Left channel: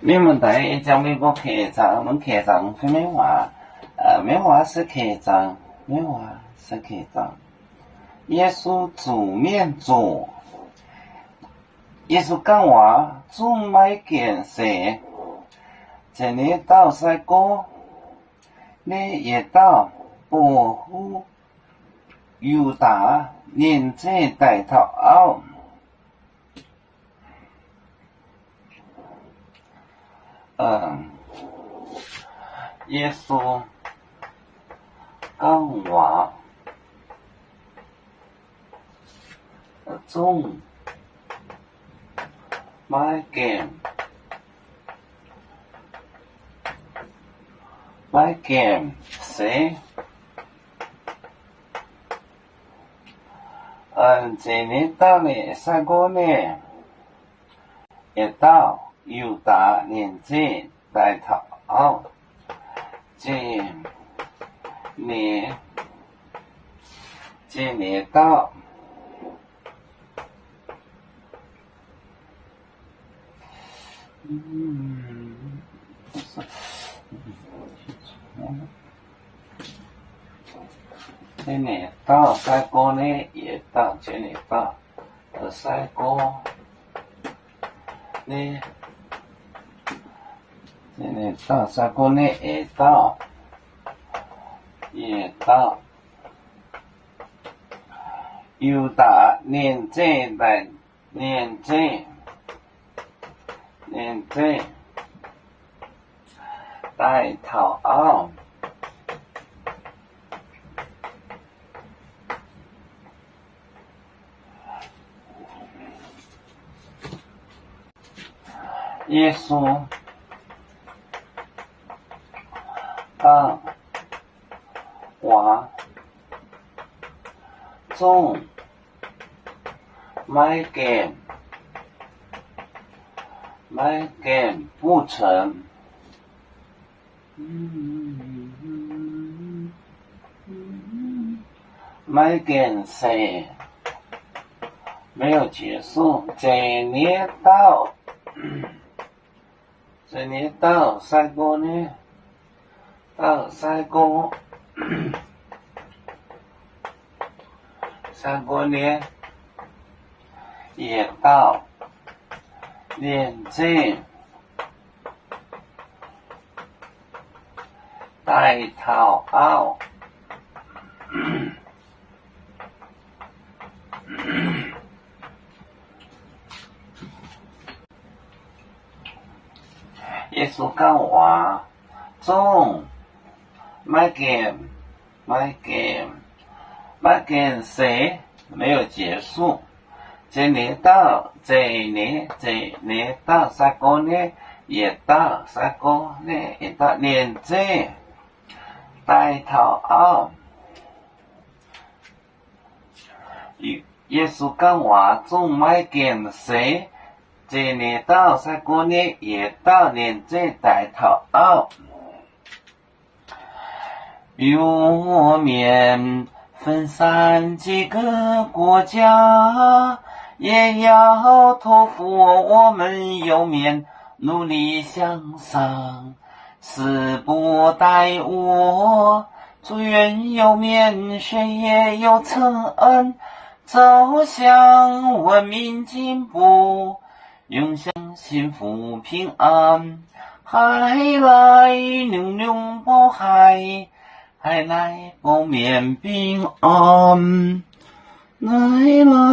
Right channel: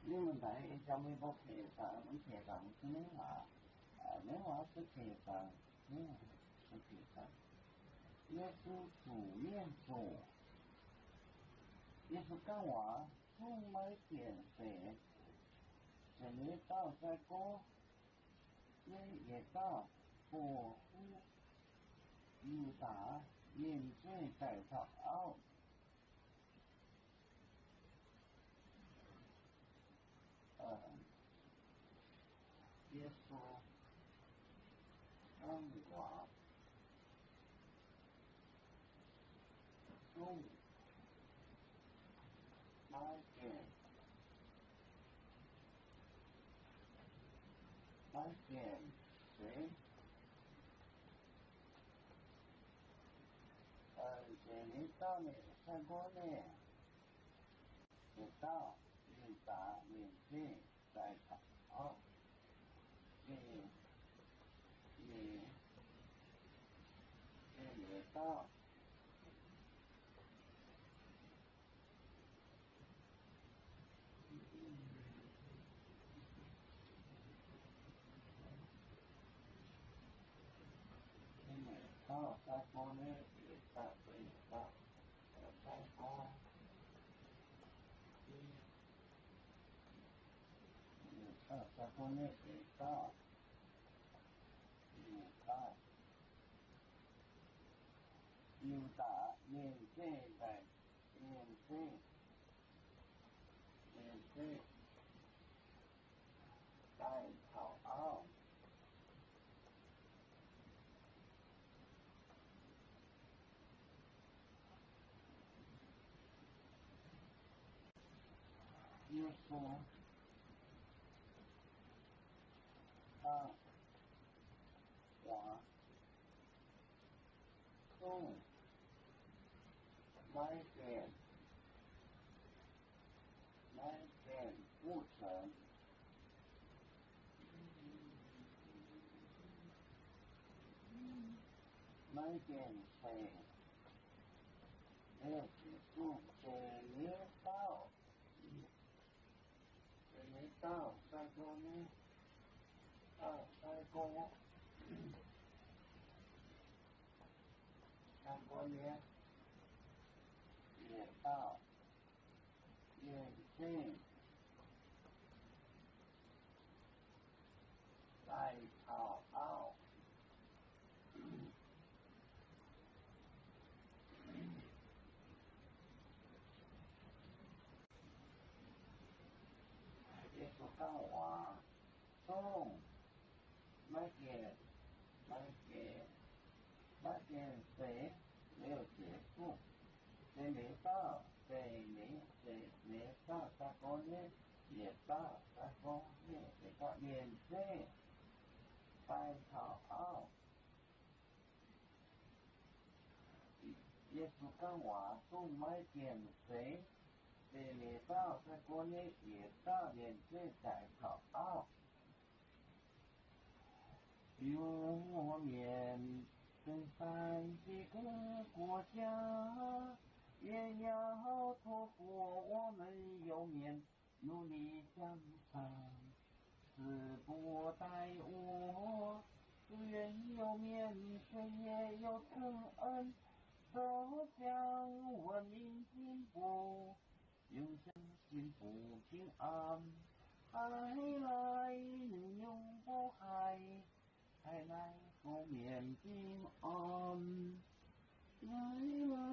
没问题，讲微博客栈，我们客栈会美化，美化是客栈，美化是客栈。耶稣煮面做，耶稣讲话总买件事，这里到晒歌，你也到保护犹大年纪大头后。耶稣讲话总买件事，这里到呢三个呢，也到犹大年纪大头后，这里到。这里到三个呢，也到这里到三个呢，这里到三个呢，也到犹大年纪大头后。耶稣讲话总买件不成，买件事没有结束，这里到三个呢，也到年纪大头后。耶稣讲话总买件事没有结束，这里到三个呢，也到三个呢，也到年纪大头后。耶稣讲话总买件事。这里到三个呢，也到年纪大头后。有面分散几个国家，也要托付我们有面努力向上，死不待我，祝愿有面学业有成恩，走向文明进步，永享幸福平安，海来牛牛保海，海来保面平安，来来。